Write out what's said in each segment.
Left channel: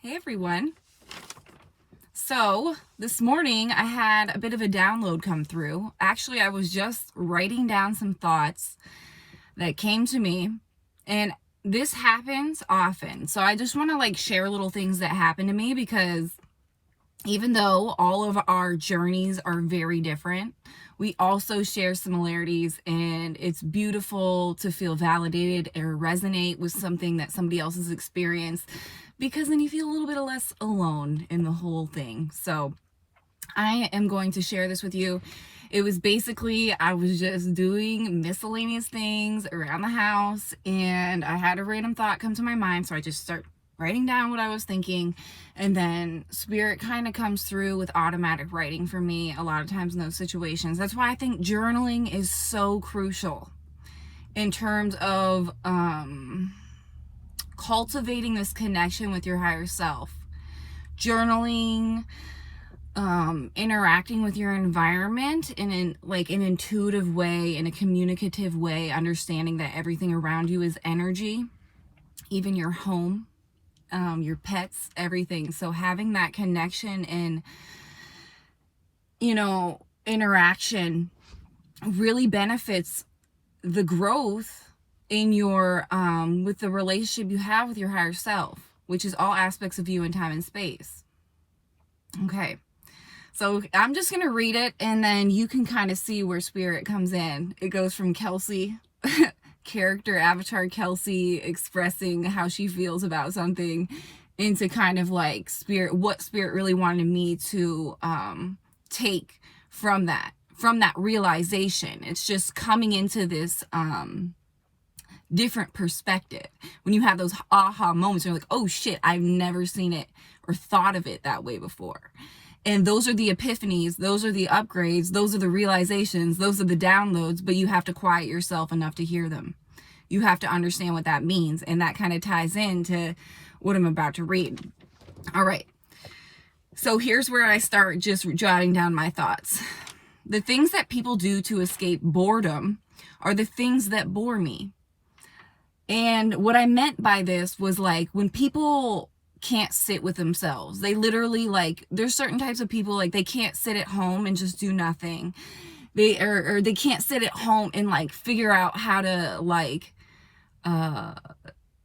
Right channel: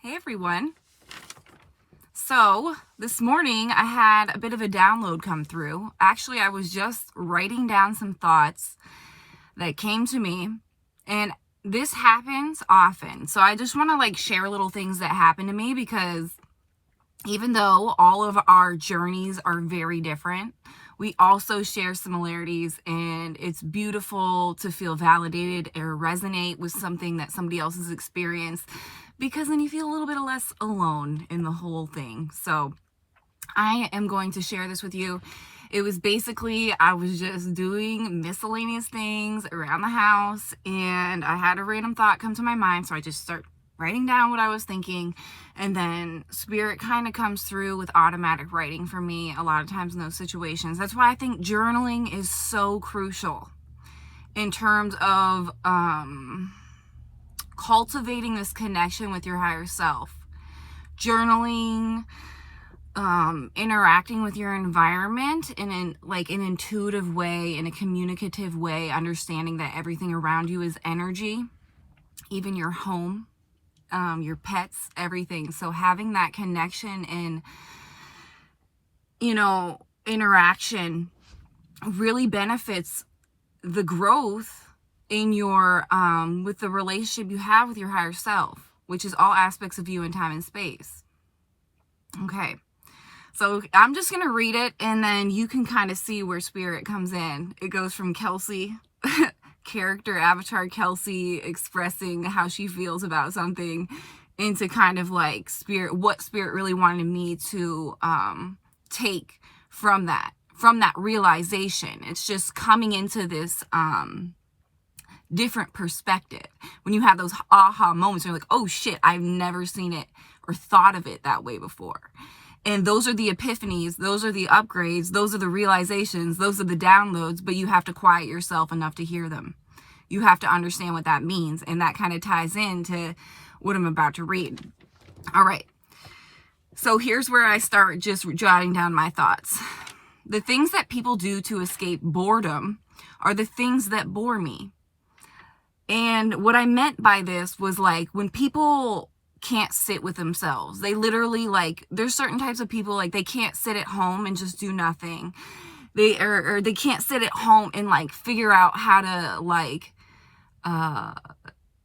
Hey everyone. So this morning I had a bit of a download come through. Actually, I was just writing down some thoughts that came to me, and this happens often. So I just want to share little things that happen to me, because even though all of our journeys are very different, we also share similarities, and it's beautiful to feel validated or resonate with something that somebody else has experienced, because then you feel a little bit less alone in the whole thing. So I am going to share this with you. It was basically, I was just doing miscellaneous things around the house, and I had a random thought come to my mind, so I just start writing down what I was thinking, and then spirit kind of comes through with automatic writing for me a lot of times in those situations. That's why I think journaling is so crucial in terms of cultivating this connection with your higher self. Journaling, interacting with your environment in an intuitive way, in a communicative way, understanding that everything around you is energy, even your home, your pets, everything. So having that connection and, interaction really benefits the growth in your, with the relationship you have with your higher self, which is all aspects of you in time and space. Okay. So I'm just going to read it, and then you can kind of see where spirit comes in. It goes from Kelsey, character avatar Kelsey expressing how she feels about something, into kind of spirit, what spirit really wanted me to take from that realization. It's just coming into this different perspective. When you have those aha moments, you're like, oh shit, I've never seen it or thought of it that way before. And those are the epiphanies, those are the upgrades, those are the realizations, those are the downloads, but you have to quiet yourself enough to hear them. You have to understand what that means, and that kind of ties into what I'm about to read. All right. So here's where I start just jotting down my thoughts. The things that people do to escape boredom are the things that bore me. And what I meant by this was when people can't sit with themselves, they literally there's certain types of people, they can't sit at home and just do nothing. They can't sit at home and figure out how to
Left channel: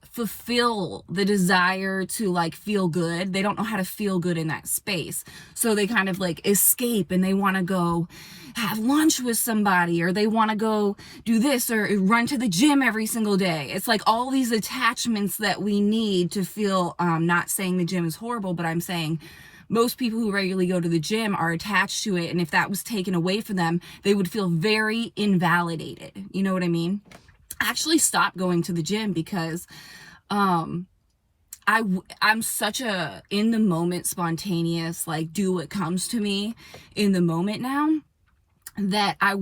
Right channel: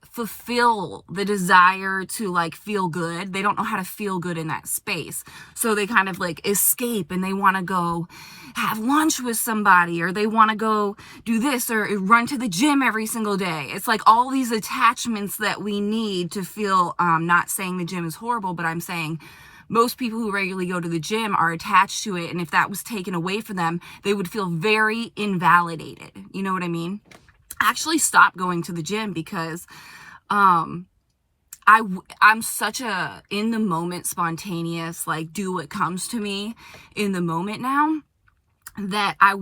fulfill the desire to feel good. They don't know how to feel good in that space. So they kind of escape, and they want to go have lunch with somebody, or they want to go do this, or run to the gym every single day. It's all these attachments that we need to feel, not saying the gym is horrible, but I'm saying most people who regularly go to the gym are attached to it. And if that was taken away from them, they would feel very invalidated. You know what I mean? I actually stopped going to the gym because I'm such a in the moment, spontaneous, do what comes to me in the moment now, that I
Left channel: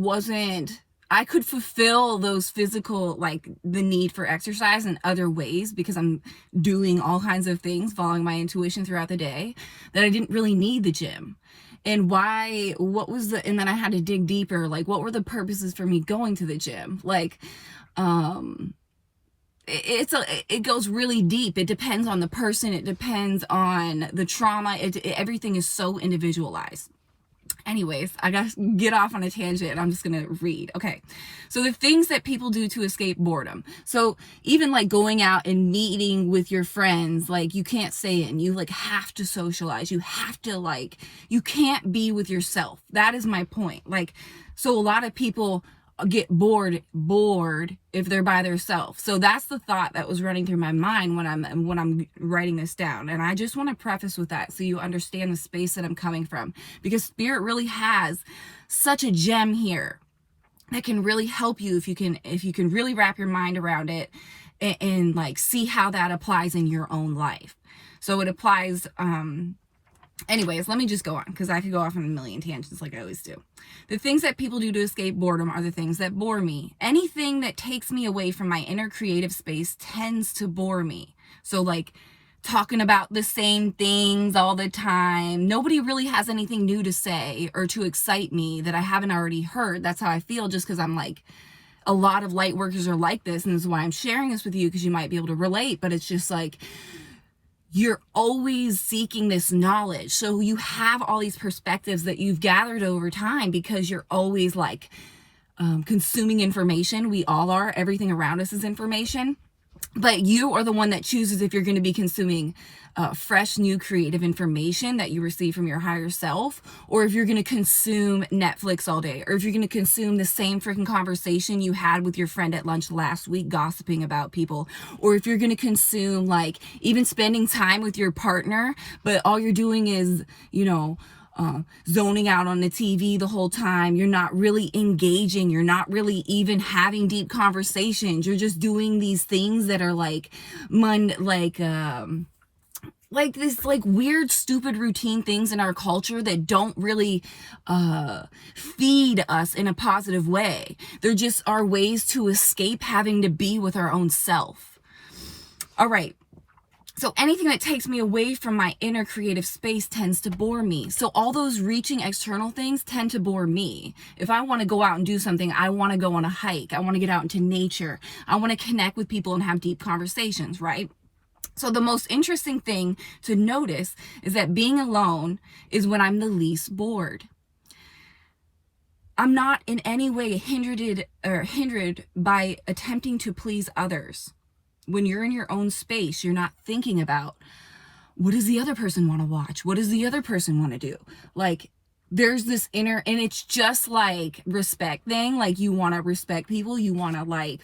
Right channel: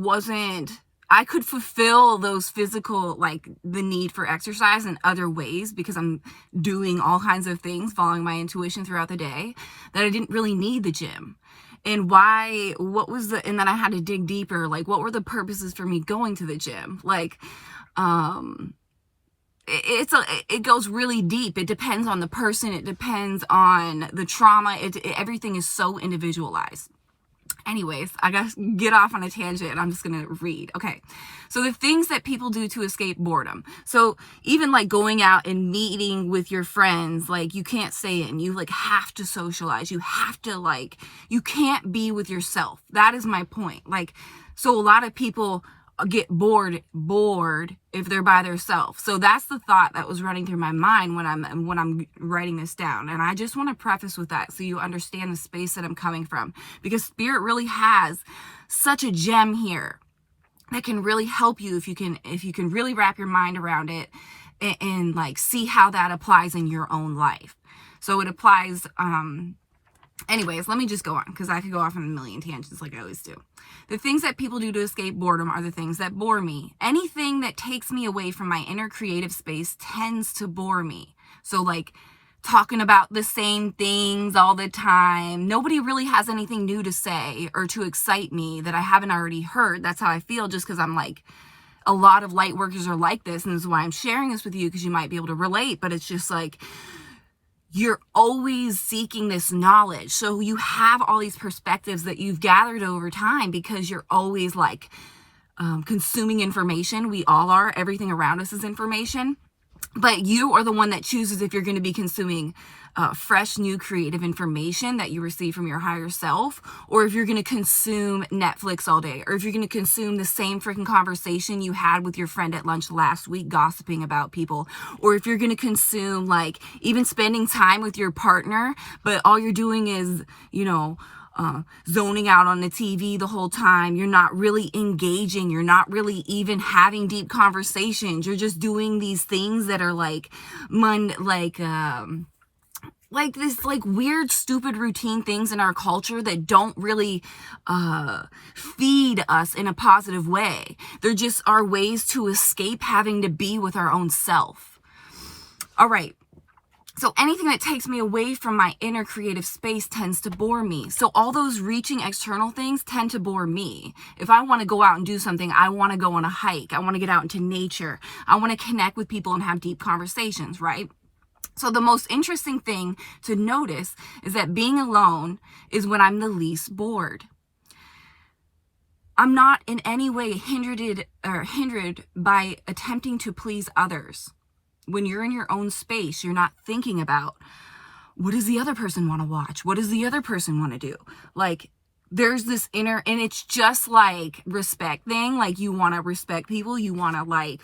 could fulfill those physical, the need for exercise in other ways, because I'm doing all kinds of things, following my intuition throughout the day, that I didn't really need the gym. And and then I had to dig deeper, what were the purposes for me going to the gym? It goes really deep. It depends on the person. It depends on the trauma. Everything is so individualized. Anyways, I gotta get off on a tangent, and I'm just gonna read. Okay. So the things that people do to escape boredom. So even going out and meeting with your friends, you can't stay in. You have to socialize. You have to you can't be with yourself. That is my point. So a lot of people get bored if they're by themselves. So that's the thought that was running through my mind when I'm writing this down. And I just want to preface with that, so you understand the space that I'm coming from, because spirit really has such a gem here that can really help you if you can really wrap your mind around it and see how that applies in your own life. So it applies, anyways, let me just go on, because I could go off on a million tangents like I always do. The things that people do to escape boredom are the things that bore me. Anything that takes me away from my inner creative space tends to bore me. So talking about the same things all the time. Nobody really has anything new to say or to excite me that I haven't already heard. That's how I feel, just because I'm a lot of light workers are like this, and this is why I'm sharing this with you, because you might be able to relate. But it's just you're always seeking this knowledge. So you have all these perspectives that you've gathered over time because you're always like consuming information. We all are. Everything around us is information. But you are the one that chooses if you're going to be consuming fresh, new, creative information that you receive from your higher self, or if you're going to consume Netflix all day, or if you're going to consume the same freaking conversation you had with your friend at lunch last week gossiping about people, or if you're going to consume like even spending time with your partner, but all you're doing is, zoning out on the TV the whole time. You're not really engaging. You're not really even having deep conversations. You're just doing these things that are like this like weird, stupid routine things in our culture that don't really feed us in a positive way. They're just our ways to escape having to be with our own self. All right. So anything that takes me away from my inner creative space tends to bore me. So all those reaching external things tend to bore me. If I want to go out and do something, I want to go on a hike. I want to get out into nature. I want to connect with people and have deep conversations, right? So the most interesting thing to notice is that being alone is when I'm the least bored. I'm not in any way hindered by attempting to please others. When you're in your own space, you're not thinking about what does the other person want to watch? What does the other person want to do? Like there's this inner, and it's just like respect thing. Like you want to respect people. You want to like,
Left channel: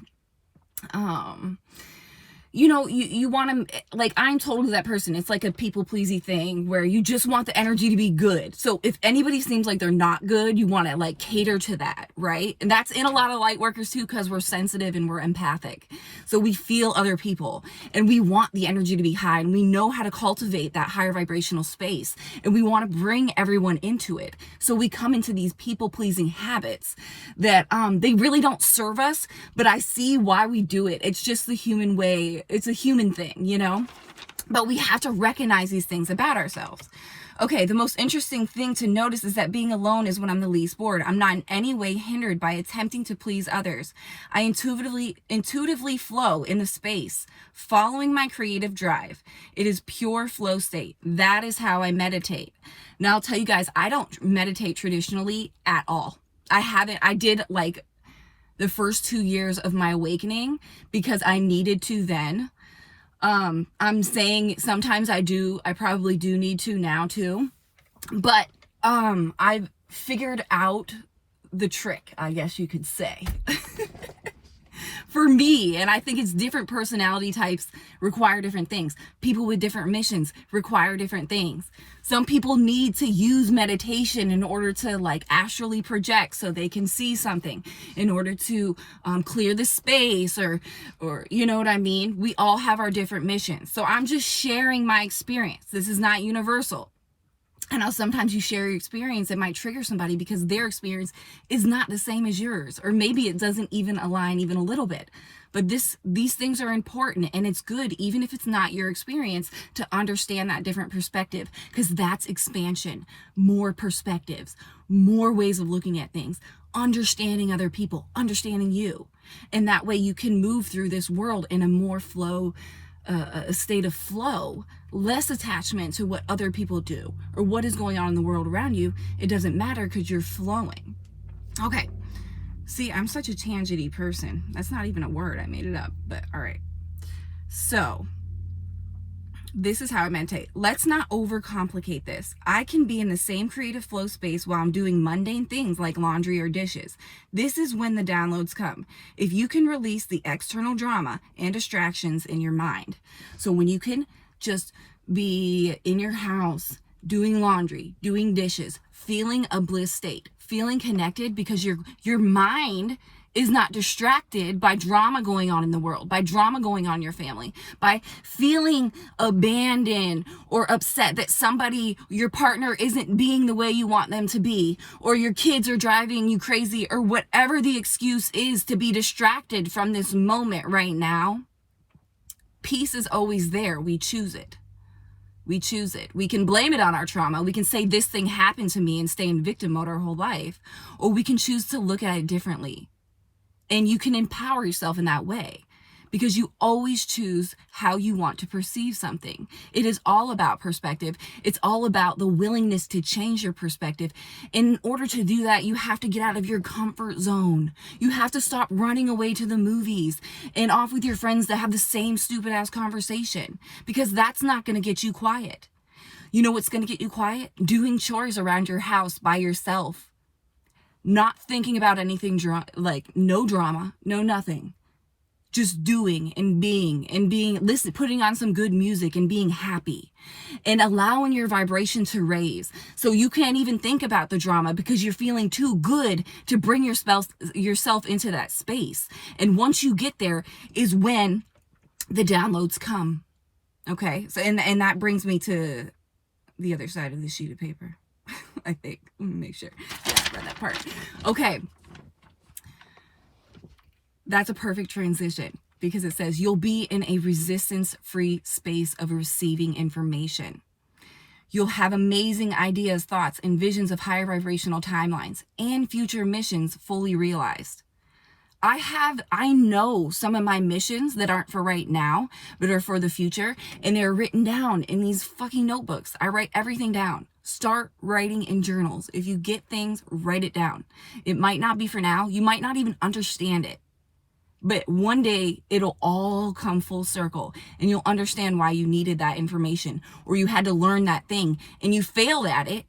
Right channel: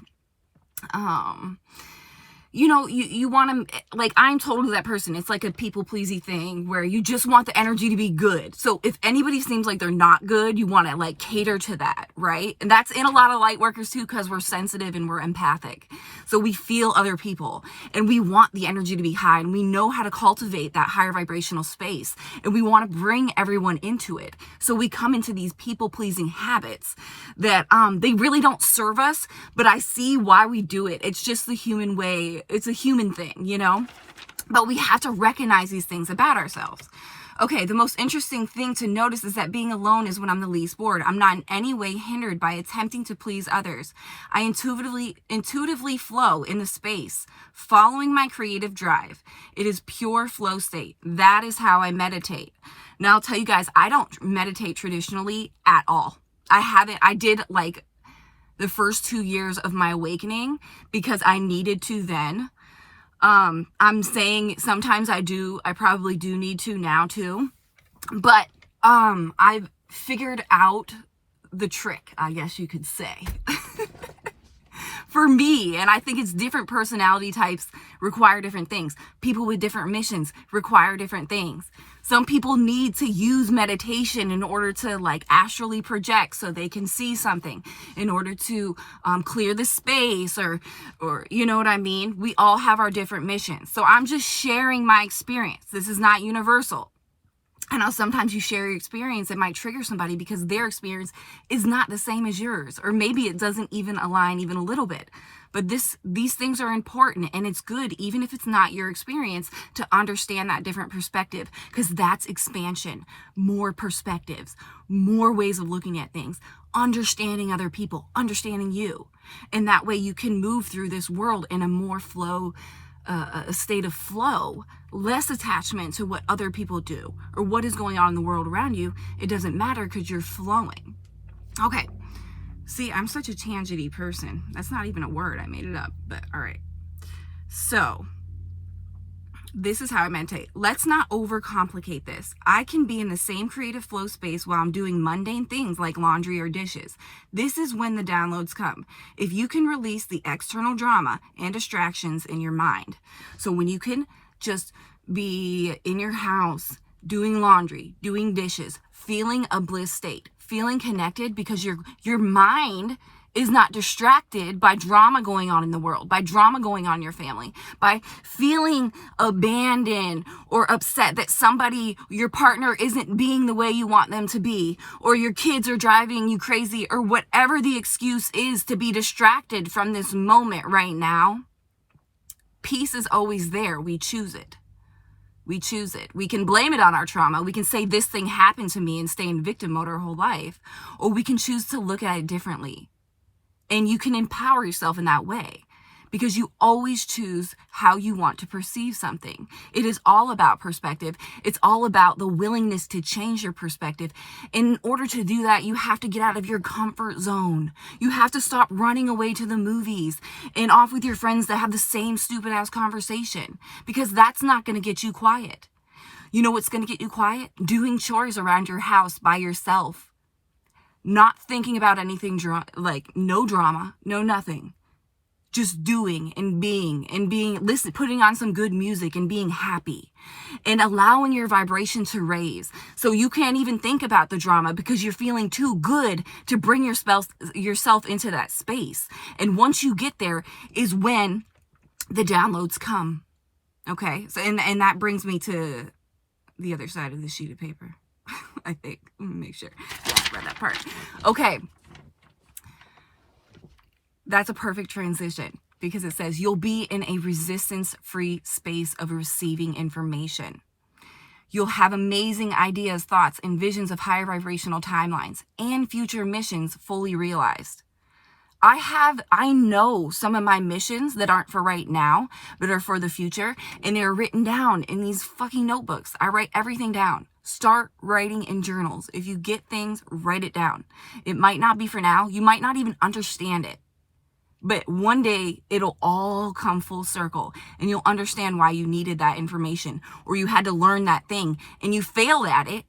you want to, like, I'm totally that person. It's like a people-pleasing thing where you just want the energy to be good. So if anybody seems like they're not good, you want to, like, cater to that, right? And that's in a lot of light workers, too, because we're sensitive and we're empathic. So we feel other people, and we want the energy to be high, and we know how to cultivate that higher vibrational space, and we want to bring everyone into it. So we come into these people-pleasing habits that they really don't serve us, but I see why we do it. It's just the human way. It's a human thing, but we have to recognize these things about ourselves. Okay, the most interesting thing to notice is that being alone is when I'm the least bored. I'm not in any way hindered by attempting to please others. I intuitively flow in the space, following my creative drive. It is pure flow state. That is how I meditate. Now, I'll tell you guys, I don't meditate traditionally at all. I did like the first 2 years of my awakening because I needed to then. I'm saying sometimes I probably do need to now too, but I've figured out the trick, I guess you could say. For me, and I think it's different personality types require different things. People with different missions require different things. Some people need to use meditation in order to like astrally project so they can see something, in order to clear the space or you know what I mean? We all have our different missions. So I'm just sharing my experience. This is not universal. I know sometimes you share your experience, it might trigger somebody because their experience is not the same as yours, or maybe it doesn't even align even a little bit. But these things are important, and it's good, even if it's not your experience, to understand that different perspective, because that's expansion, more perspectives, more ways of looking at things, understanding other people, understanding you. And that way you can move through this world in a more a state of flow, less attachment to what other people do or what is going on in the world around you. It doesn't matter because you're flowing. Okay. See, I'm such a tangenty person. That's not even a word. I made it up, but all right. So this is how I meditate. Let's not overcomplicate this. I can be in the same creative flow space while I'm doing mundane things like laundry or dishes. This is when the downloads come. If you can release the external drama and distractions in your mind. So when you can just be in your house, doing laundry, doing dishes, feeling a bliss state, feeling connected because your mind is not distracted by drama going on in the world, by drama going on in your family, by feeling abandoned or upset that your partner isn't being the way you want them to be, or your kids are driving you crazy, or whatever the excuse is to be distracted from this moment right now. Peace is always there. We choose it. We choose it. We can blame it on our trauma. We can say this thing happened to me and stay in victim mode our whole life, or we can choose to look at it differently. And you can empower yourself in that way, because you always choose how you want to perceive something. It is all about perspective. It's all about the willingness to change your perspective. In order to do that, you have to get out of your comfort zone. You have to stop running away to the movies and off with your friends that have the same stupid ass conversation, because that's not going to get you quiet. You know what's going to get you quiet? Doing chores around your house by yourself. Not thinking about anything, like no drama, no nothing. Just doing and being, listen, putting on some good music and being happy and allowing your vibration to raise. So you can't even think about the drama because you're feeling too good to bring yourself into that space. And once you get there is when the downloads come. Okay. So, and that brings me to the other side of the sheet of paper. I think. Let me make sure. Yes, read that part. Okay. That's a perfect transition because it says you'll be in a resistance-free space of receiving information. You'll have amazing ideas, thoughts, and visions of higher vibrational timelines and future missions fully realized. I know some of my missions that aren't for right now, but are for the future, and they're written down in these fucking notebooks. I write everything down. Start writing in journals. If you get things, write it down. It might not be for now. You might not even understand it. But one day it'll all come full circle and you'll understand why you needed that information or you had to learn that thing and you failed at it,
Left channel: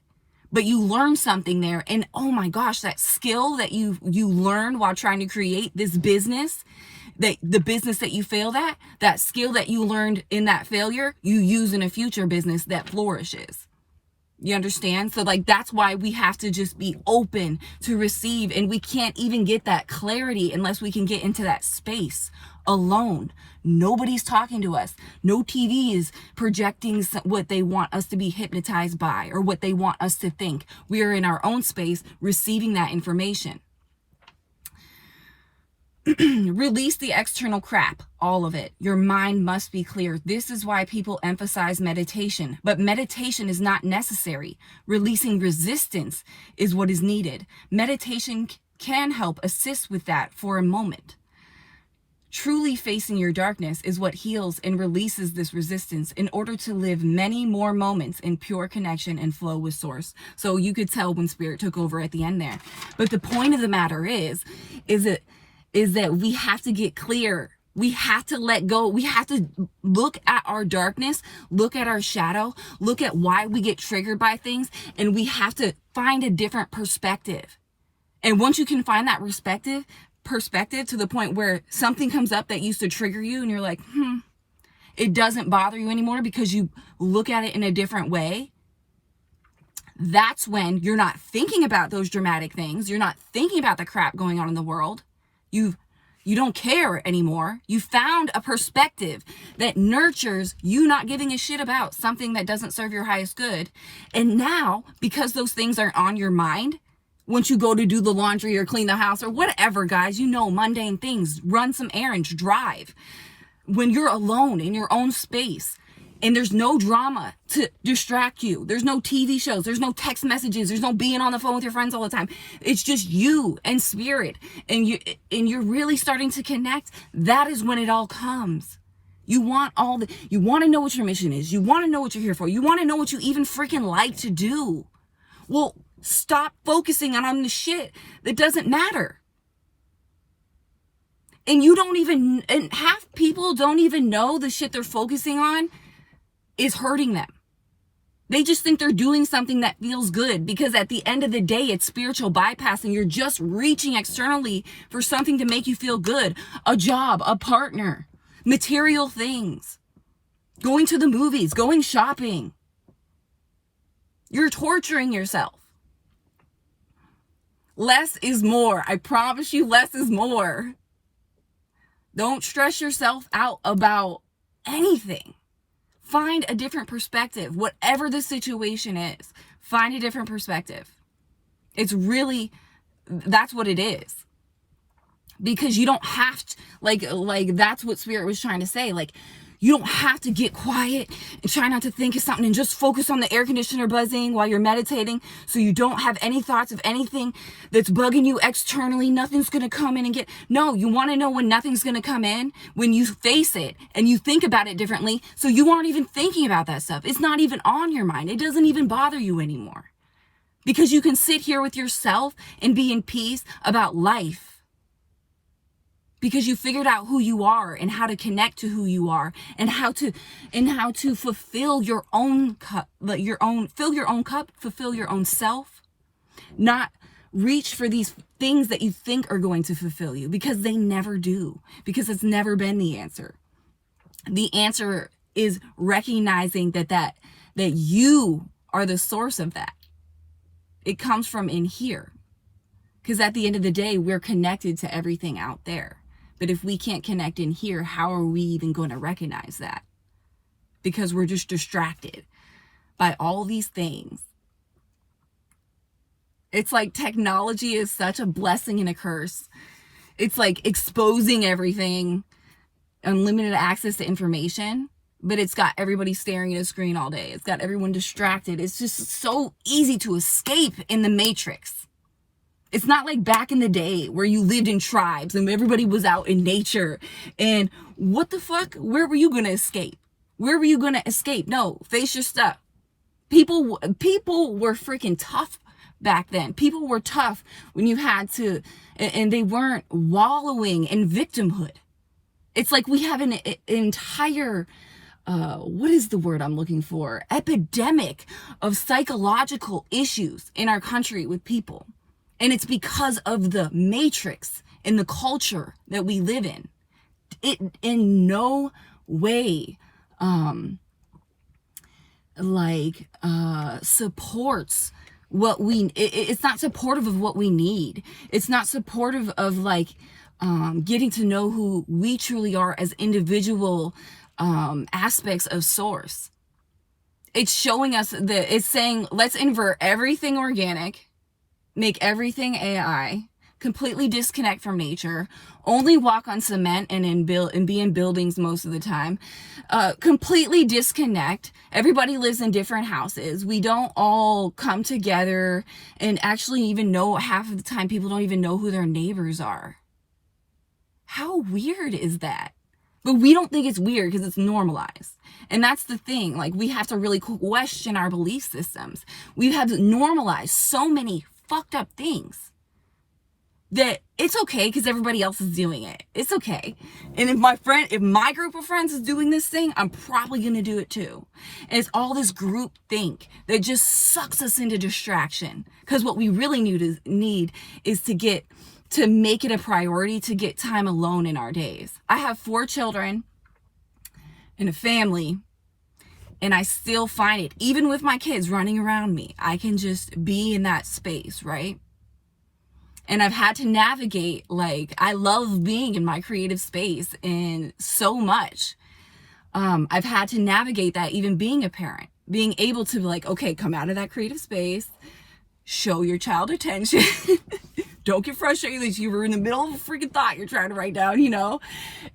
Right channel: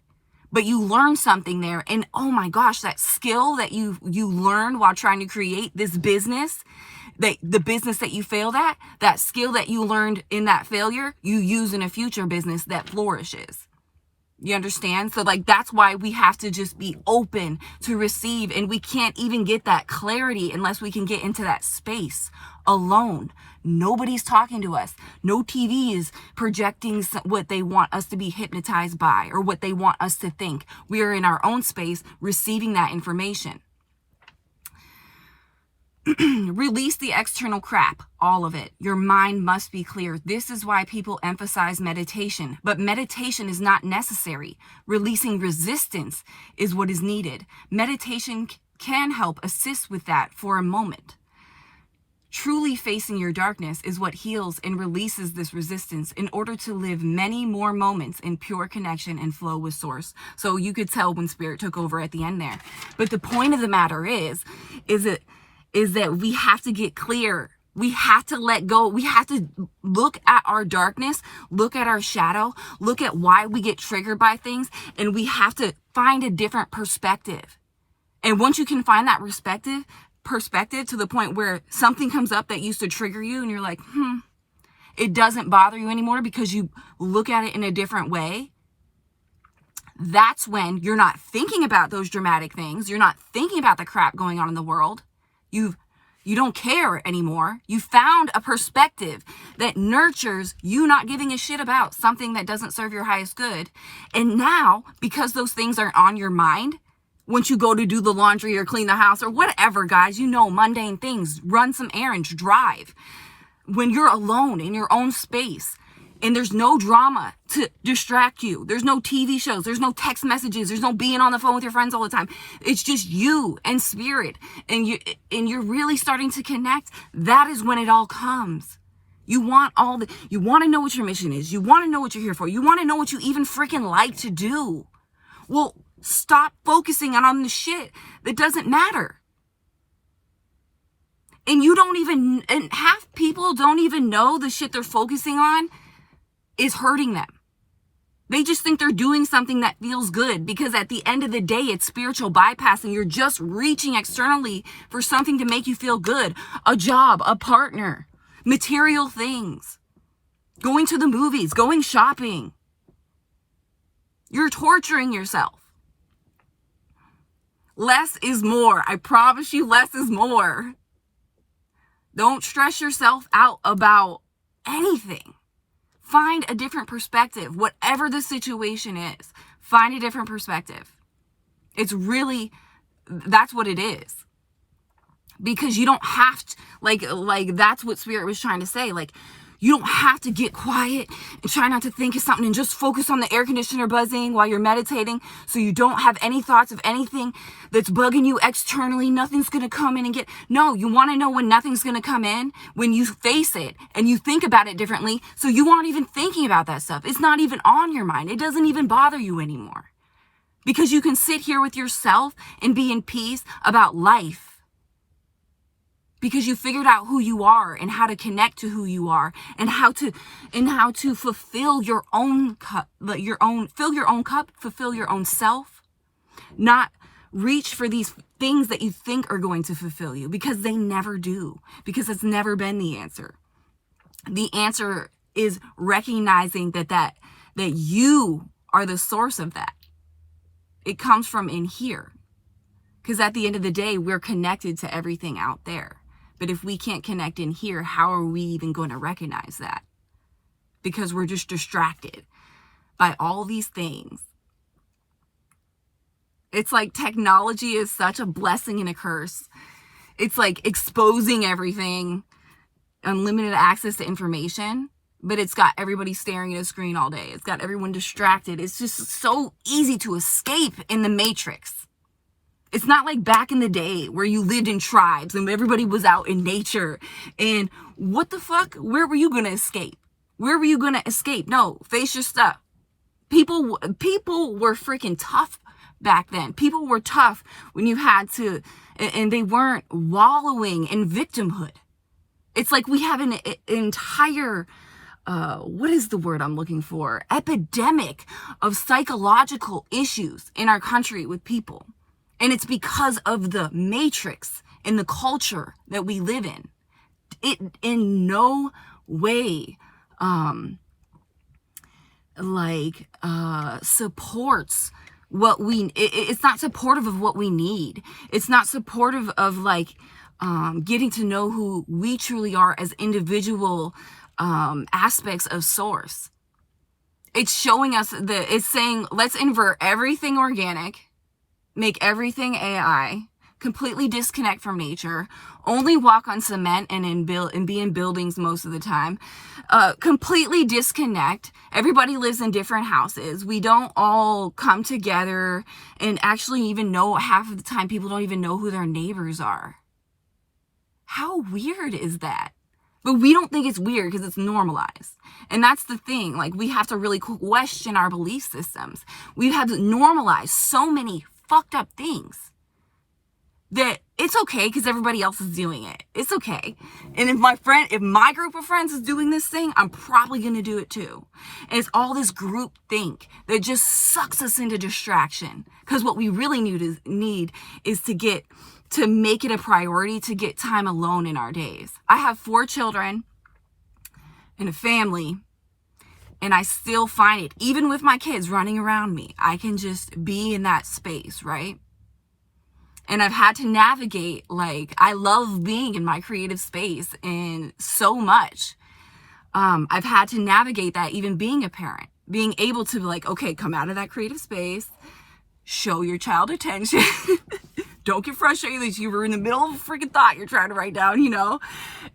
but you learned something there. And oh my gosh, that skill that you learned while trying to create this business, the business that you failed at, that skill that you learned in that failure, you use in a future business that flourishes. You understand? So like, that's why we have to just be open to receive. And we can't even get that clarity unless we can get into that space alone. Nobody's talking to us. No TV is projecting what they want us to be hypnotized by or what they want us to think. We are in our own space receiving that information. Release the external crap, all of it. Your mind must be clear. This is why people emphasize meditation, but meditation is not necessary. Releasing resistance is what is needed. Meditation can help assist with that for a moment. Truly facing your darkness is what heals and releases this resistance in order to live many more moments in pure connection and flow with source. So you could tell when spirit took over at the end there. But the point of the matter is that we have to get clear. We have to let go. We have to look at our darkness, look at our shadow, look at why we get triggered by things, and we have to find a different perspective. And once you can find that perspective to the point where something comes up that used to trigger you and you're like, it doesn't bother you anymore because you look at it in a different way. That's when you're not thinking about those dramatic things. You're not thinking about the crap going on in the world. You don't care anymore. You found a perspective that nurtures you not giving a shit about something that doesn't serve your highest good. And now, because those things aren't on your mind, once you go to do the laundry or clean the house or whatever, guys, mundane things, run some errands, drive. When you're alone in your own space and there's no drama to distract you, there's no TV shows, there's no text messages, there's no being on the phone with your friends all the time. It's just you and spirit, and you're really starting to connect. That is when it all comes. You want to know what your mission is. You want to know what you're here for. You want to know what you even freaking like to do. Well, stop focusing on the shit that doesn't matter. And half people don't even know the shit they're focusing on is hurting them. They just think they're doing something that feels good because at the end of the day, it's spiritual bypassing. You're just reaching externally for something to make you feel good. A job, a partner, material things, going to the movies, going shopping. You're torturing yourself. Less is more. I promise you, less is more. Don't stress yourself out about anything. Find a different perspective. Whatever the situation is, find a different perspective. It's really, that's what it is. Because you don't have to, like that's what spirit was trying to say. Like, You don't have to get quiet and try not to think of something and just focus on the air conditioner buzzing while you're meditating so you don't have any thoughts of anything that's bugging you externally. Nothing's going to come in and get... No, you want to know when nothing's going to come in? When you face it and you think about it differently, so you aren't even thinking about that stuff. It's not even on your mind. It doesn't even bother you anymore. Because you can sit here with yourself and be in peace about life. Because you figured out who you are and how to connect to who you are and how to fulfill your own cup, fill your own cup, fulfill your own self, not reach for these things that you think are going to fulfill you, because they never do, because it's never been the answer. The answer is recognizing that you are the source of that. It comes from in here. Because at the end of the day, we're connected to everything out there. But if we can't connect in here, how are we even going to recognize that? Because we're just distracted by all these things. It's like technology is such a blessing and a curse. It's like exposing everything, unlimited access to information, but it's got everybody staring at a screen all day. It's got everyone distracted. It's just so easy to escape in the matrix. It's not like back in the day where you lived in tribes and everybody was out in nature. And what the fuck? Where were you going to escape? Where were you going to escape? No, face your stuff. People were freaking tough back then. People were tough when you had to, and they weren't wallowing in victimhood. It's like we have an entire, what is the word I'm looking for? Epidemic of psychological issues in our country with people. And it's because of the matrix and the culture that we live in. It in no way supports what we... It's not supportive of what we need. It's not supportive of getting to know who we truly are as individual aspects of source. It's showing us that it's saying, let's invert everything organic, make everything AI, completely disconnect from nature, only walk on cement and be in buildings most of the time, completely disconnect. Everybody lives in different houses. We don't all come together and actually even know, half of the time people don't even know who their neighbors are. How weird is that? But we don't think it's weird because it's normalized. And that's the thing. We have to really question our belief systems. We have normalized so many fucked up things that it's okay because everybody else is doing it. It's okay. And if my group of friends is doing this thing, I'm probably going to do it too. And it's all this group think that just sucks us into distraction. Because what we really need is to make it a priority to get time alone in our days. I have 4 children and a family. And I still find it, even with my kids running around me, I can just be in that space, right? And I've had to navigate, I love being in my creative space and so much. I've had to navigate that, even being a parent, being able to okay, come out of that creative space, show your child attention. Don't get frustrated that you were in the middle of a freaking thought you're trying to write down,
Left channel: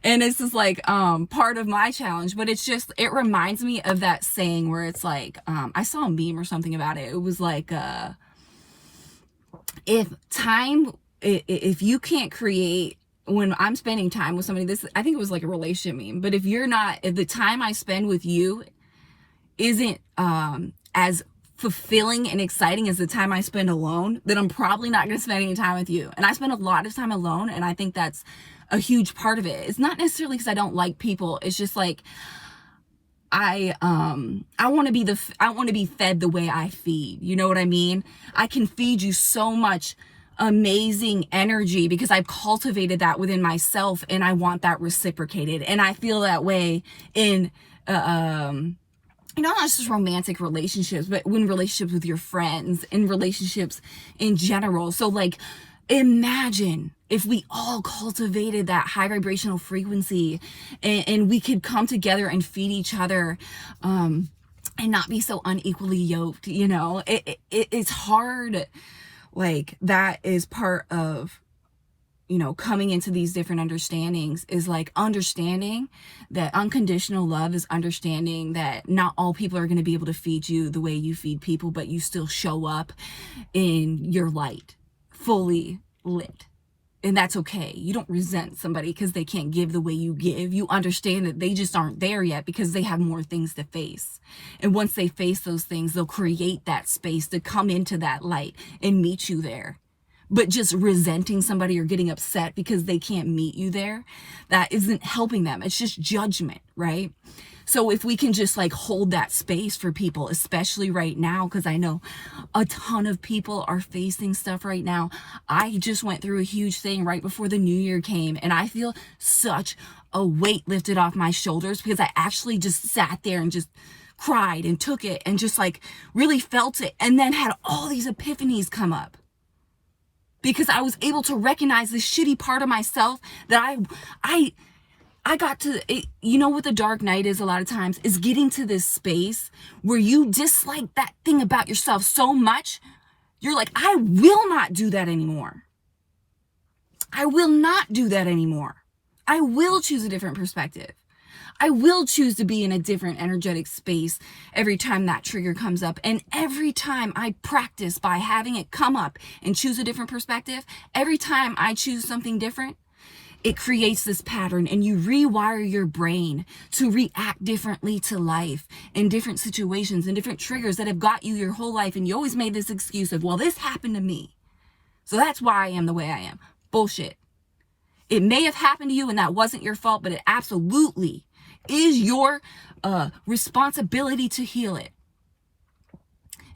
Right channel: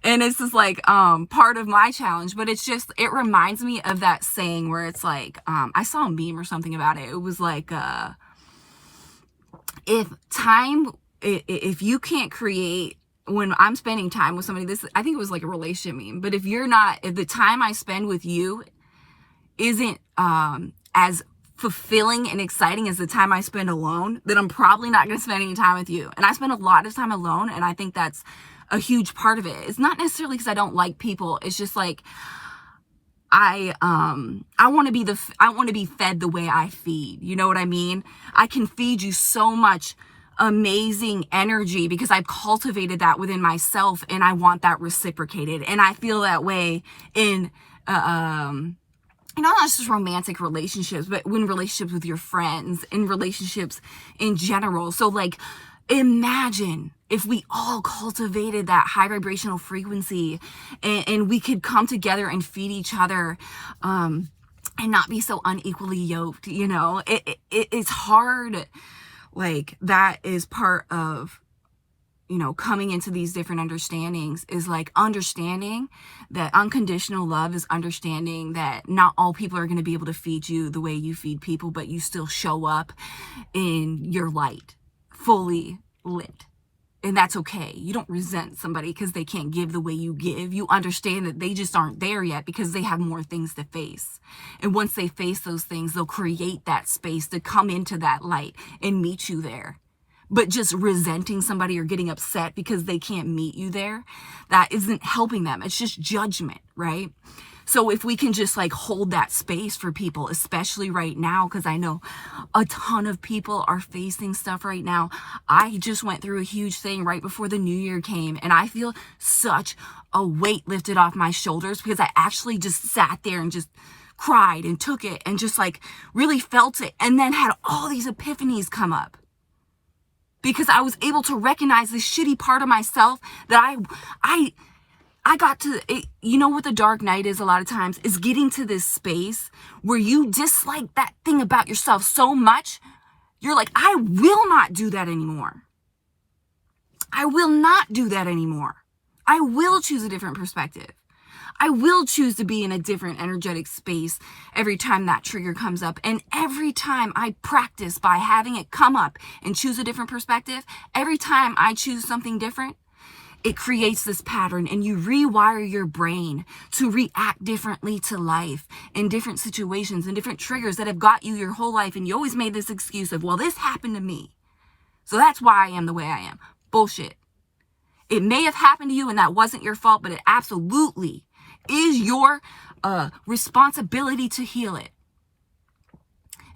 And it's just part of my challenge. But it's just, it reminds me of that saying where it's I saw a meme or something about it. It was if you can't create, when I'm spending time with somebody, I think it was a relationship meme. But if the time I spend with you isn't as fulfilling and exciting as the time I spend alone, then I'm probably not going to spend any time with you. And I spend a lot of time alone, and I think that's a huge part of it. It's not necessarily because I don't like people. It's just I want to be fed the way I feed. You know what I mean? I can feed you so much amazing energy because I've cultivated that within myself, and I want that reciprocated. And I feel that way in not just romantic relationships, but in relationships with your friends, in relationships in general. So imagine if we all cultivated that high vibrational frequency and we could come together and feed each other, and not be so unequally yoked. It's hard. That is part of you know, coming into these different understandings is like understanding that unconditional love is understanding that not all people are going to be able to feed you the way you feed people, but you still show up in your light, fully lit. And that's okay. You don't resent somebody because they can't give the way you give. You understand that they just aren't there yet because they have more things to face. And once they face those things, they'll create that space to come into that light and meet you there. But just resenting somebody or getting upset because they can't meet you there, that isn't helping them. It's just judgment, right? So if we can just like hold that space for people, especially right now, because I know a ton of people are facing stuff right now. I just went through a huge thing right before the new year came, and I feel such a weight lifted off my shoulders because I actually just sat there and just cried and took it and just like really felt it, and then had all these epiphanies come up. Because I was able to recognize this shitty part of myself that I got to, you know what the dark night is a lot of times, is getting to this space where you dislike that thing about yourself so much, you're like, I will not do that anymore. I will not do that anymore. I will choose a different perspective. I will choose to be in a different energetic space every time that trigger comes up. And every time I practice by having it come up and choose a different perspective, every time I choose something different, it creates this pattern, and you rewire your brain to react differently to life in different situations and different triggers that have got you your whole life. And you always made this excuse of, well, this happened to me, so that's why I am the way I am. Bullshit. It may have happened to you and that wasn't your fault, but it absolutely is your responsibility to heal it.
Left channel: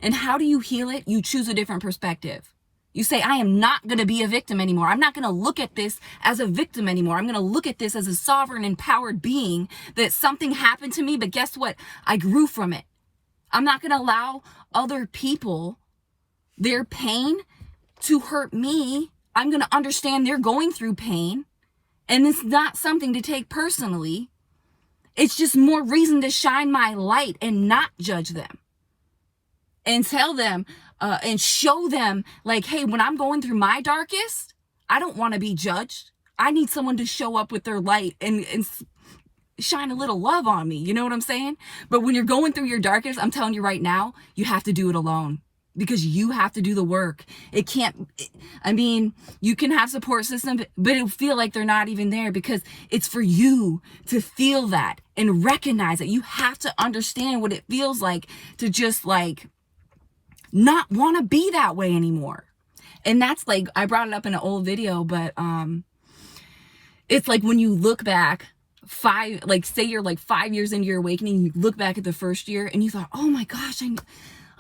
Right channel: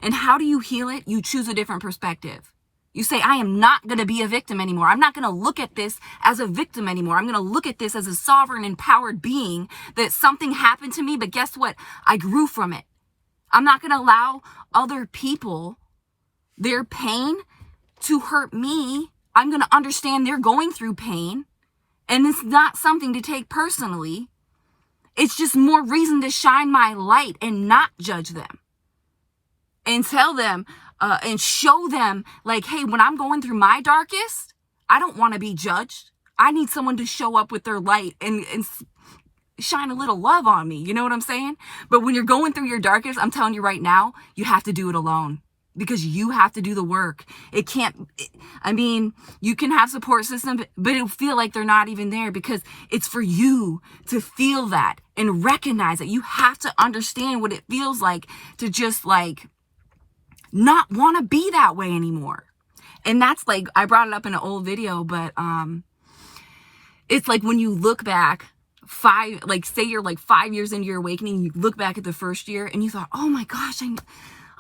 And how do you heal it? You choose a different perspective. You say, I am not going to be a victim anymore. I'm not going to look at this as a victim anymore. I'm going to look at this as a sovereign, empowered being, that something happened to me, but guess what? I grew from it. I'm not going to allow other people, their pain, to hurt me. I'm going to understand they're going through pain, and it's not something to take personally. It's just more reason to shine my light and not judge them. And tell them, and show them, like, hey, when I'm going through my darkest, I don't want to be judged. I need someone to show up with their light and shine a little love on me. You know what I'm saying? But when you're going through your darkest, I'm telling you right now, you have to do it alone. Because you have to do the work. You can have support system, but it'll feel like they're not even there, because it's for you to feel that and recognize it. You have to understand what it feels like to just like not want to be that way anymore. And that's like, I brought it up in an old video, but it's like when you look back say you're like 5 years into your awakening, you look back at the first year and you thought, oh my gosh,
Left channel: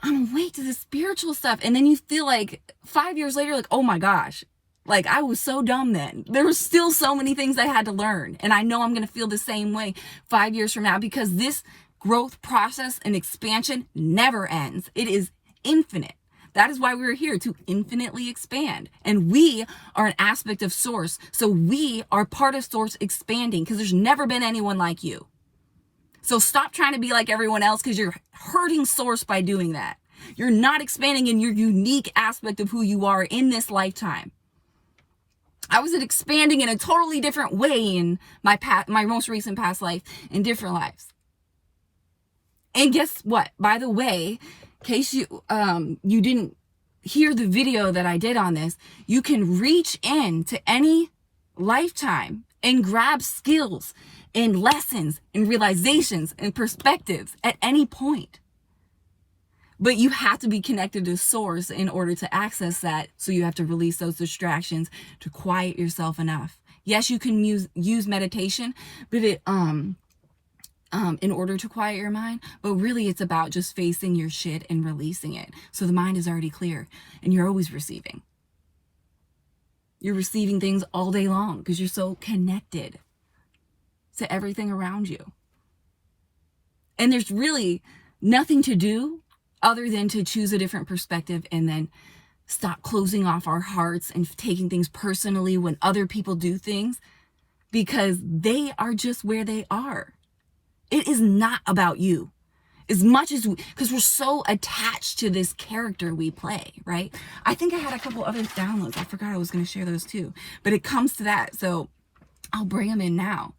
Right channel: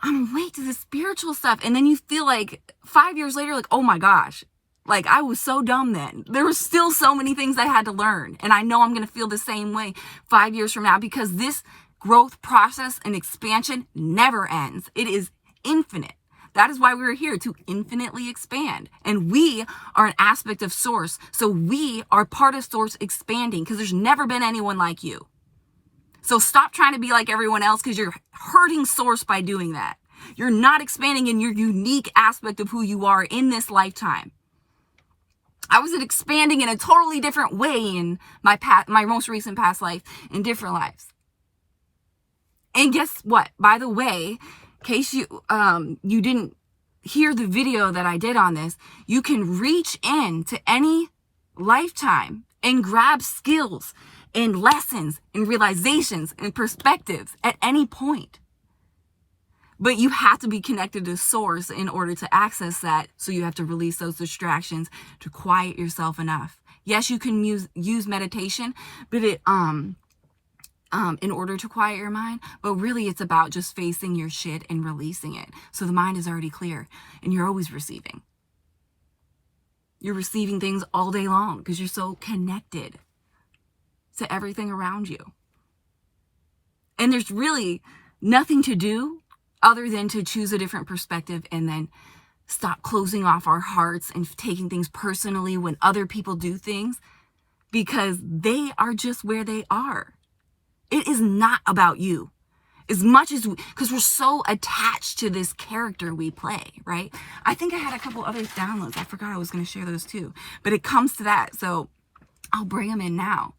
I'm awake to the spiritual stuff. And then you feel like 5 years later, like, oh my gosh, like I was so dumb then. There were still so many things I had to learn. And I know I'm going to feel the same way 5 years from now, because this growth process and expansion never ends. It is infinite. That is why we're here, to infinitely expand. And we are an aspect of Source. So we are part of Source expanding, because there's never been anyone like you. So stop trying to be like everyone else, because you're hurting Source by doing that. You're not expanding in your unique aspect of who you are in this lifetime. I was expanding in a totally different way in my most recent past life, in different lives. And guess what? By the way, in case you didn't hear the video that I did on this, you can reach in to any lifetime and grab skills and lessons and realizations and perspectives at any point. But you have to be connected to Source in order to access that. So you have to release those distractions to quiet yourself enough. Yes, you can use meditation, but in order to quiet your mind, but really it's about just facing your shit and releasing it. So the mind is already clear and you're always receiving. You're receiving things all day long because you're so connected to everything around you. And there's really nothing to do other than to choose a different perspective and then stop closing off our hearts and taking things personally when other people do things, because they are just where they are. It is not about you. As much as because we're so attached to this character we play, right? I think I had a couple other downloads. I forgot I was going to share those too. But it comes to that. So I'll bring them in now.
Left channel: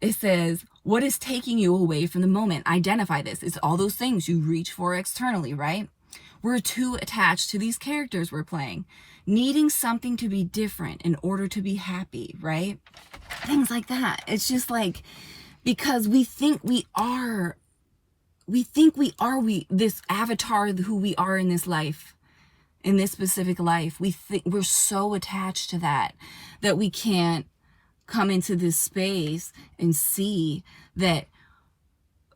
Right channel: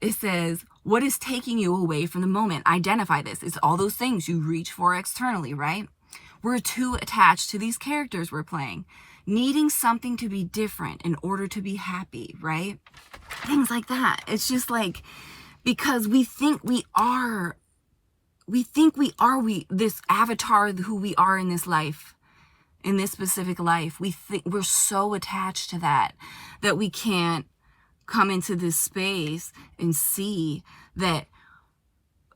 It says, what is taking you away from the moment? Identify this. It's all those things you reach for externally, right? We're too attached to these characters we're playing, needing something to be different in order to be happy, right? Things like that. It's just like, because we think we are this avatar who we are in this life, in this specific life. We think we're so attached to that we can't come into this space and see that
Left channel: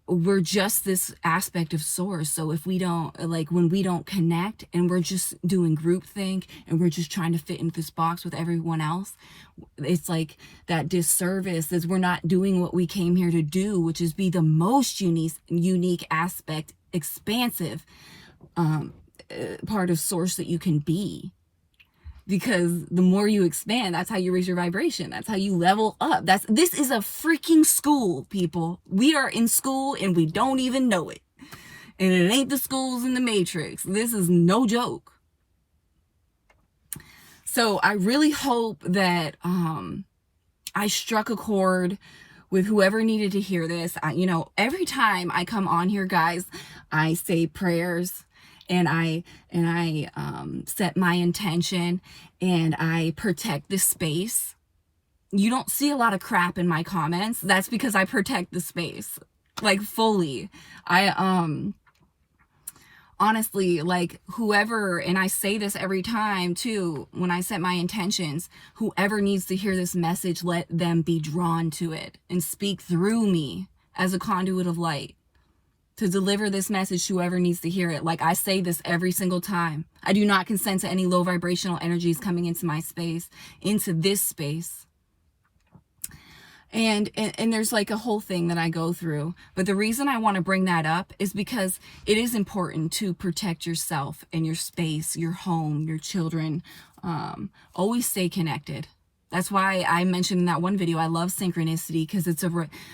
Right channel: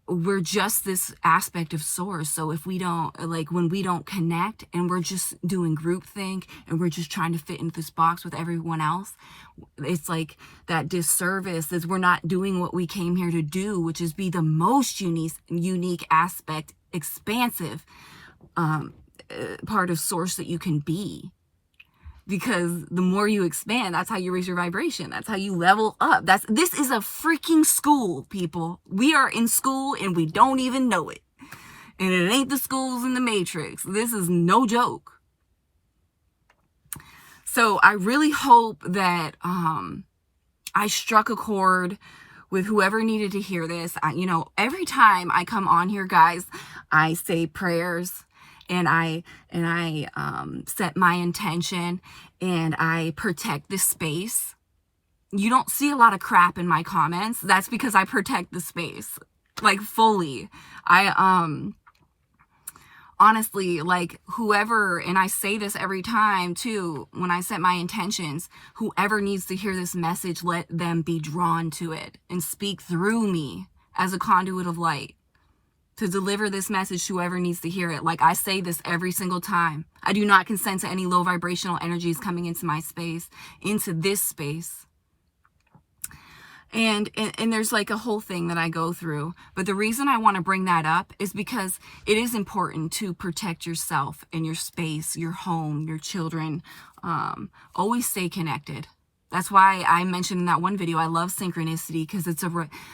we're just this aspect of source. So if we don't, like, when we don't connect and we're just doing groupthink and we're just trying to fit into this box with everyone else, it's like that disservice is we're not doing what we came here to do, which is be the most unique aspect, expansive part of source that you can be. Because the more you expand, that's how you raise your vibration. That's how you level up. This is a freaking school, people. We are in school and we don't even know it. And it ain't the schools in the Matrix. This is no joke. So I really hope that I struck a chord with whoever needed to hear this. Every time I come on here, guys, I say prayers. And I set my intention and I protect the space. You don't see a lot of crap in my comments. That's because I protect the space, like, fully. I honestly, like, whoever, and I say this every time too, when I set my intentions, whoever needs to hear this message, let them be drawn to it and speak through me as a conduit of light to deliver this message to whoever needs to hear it. Like, I say this every single time. I do not consent to any low vibrational energies coming into my space, into this space. And there's like a whole thing that I go through. But the reason I want to bring that up is because it is important to protect yourself and your space, your home, your children. Always stay connected. That's why I mentioned in that one video, I love synchronicity, because it's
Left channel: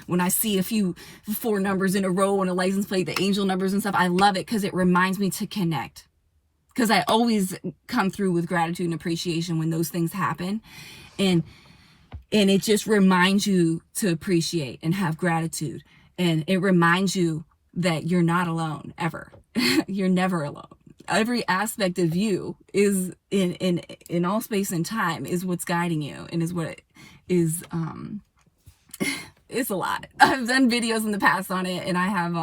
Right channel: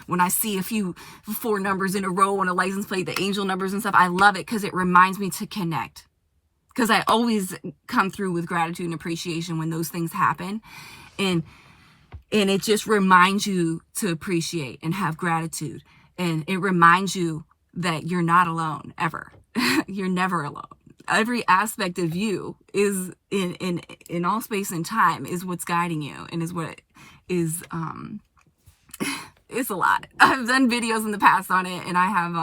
when I see a few 4 numbers in a row on a license plate, the angel numbers and stuff, I love it because it reminds me to connect. Because I always come through with gratitude and appreciation when those things happen. And it just reminds you to appreciate and have gratitude. And it reminds you that you're not alone, ever. You're never alone. Every aspect of you is in all space and time is what's guiding you, and is what is it's a lot. I've done videos in the past on it, and I have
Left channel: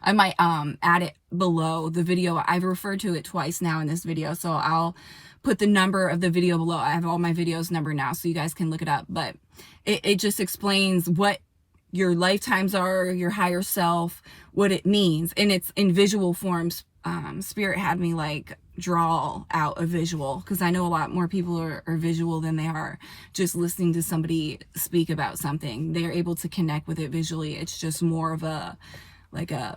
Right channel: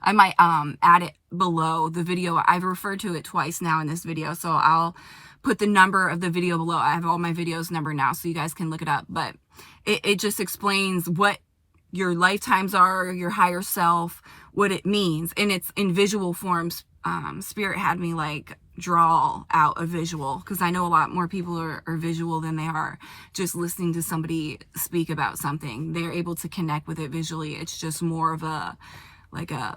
I might add it below the video. I've referred to it twice now in this video, so I'll put the number of the video below. I have all my videos numbered now, so you guys can look it up. But it just explains what your lifetimes are, your higher self, what it means, and it's in visual forms. Spirit had me like draw out a visual, because I know a lot more people are visual than they are just listening to somebody speak about something. They're able to connect with it visually. It's just more of a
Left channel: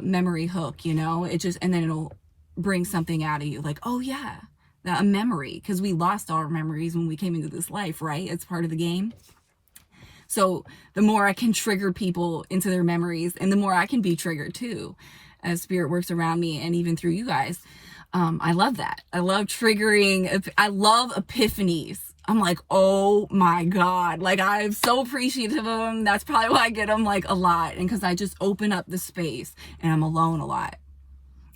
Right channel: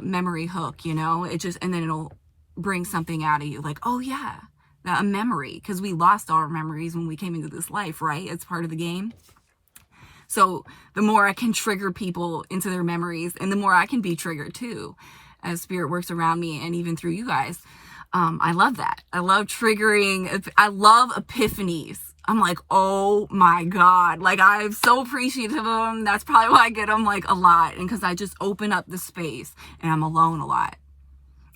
memory hook, it just, and then it'll bring something out of you like, oh yeah, a memory, because we lost our memories when we came into this life, right? It's part of the game. So the more I can trigger people into their memories, and the more I can be triggered too, as spirit works around me and even through you guys. I love that. I love triggering. I love epiphanies. I'm like, oh my God. Like, I'm so appreciative of them. That's probably why I get them like a lot. And because I just open up the space and I'm alone a lot.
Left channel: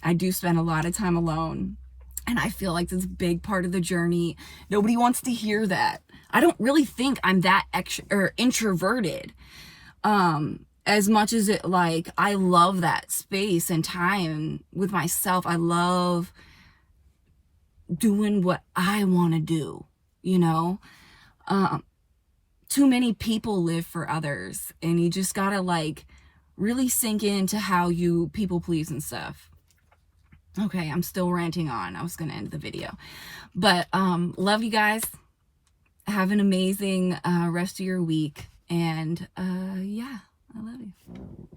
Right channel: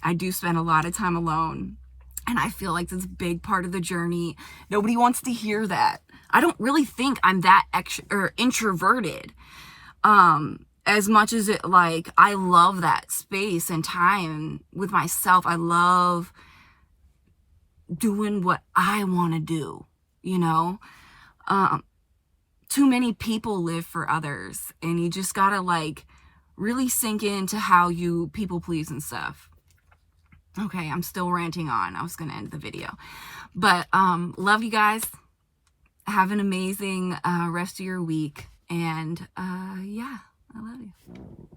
I do spend a lot of time alone. And I feel like this big part of the journey. Nobody wants to hear that. I don't really think I'm that introverted. As much as it, like, I love that space and time with myself. I love doing what I want to do, too many people live for others, and you just gotta like really sink into how you people please and stuff. Okay, I'm still ranting on. I was gonna end the video, but love you guys. Have an amazing rest of your week, and yeah, I love you.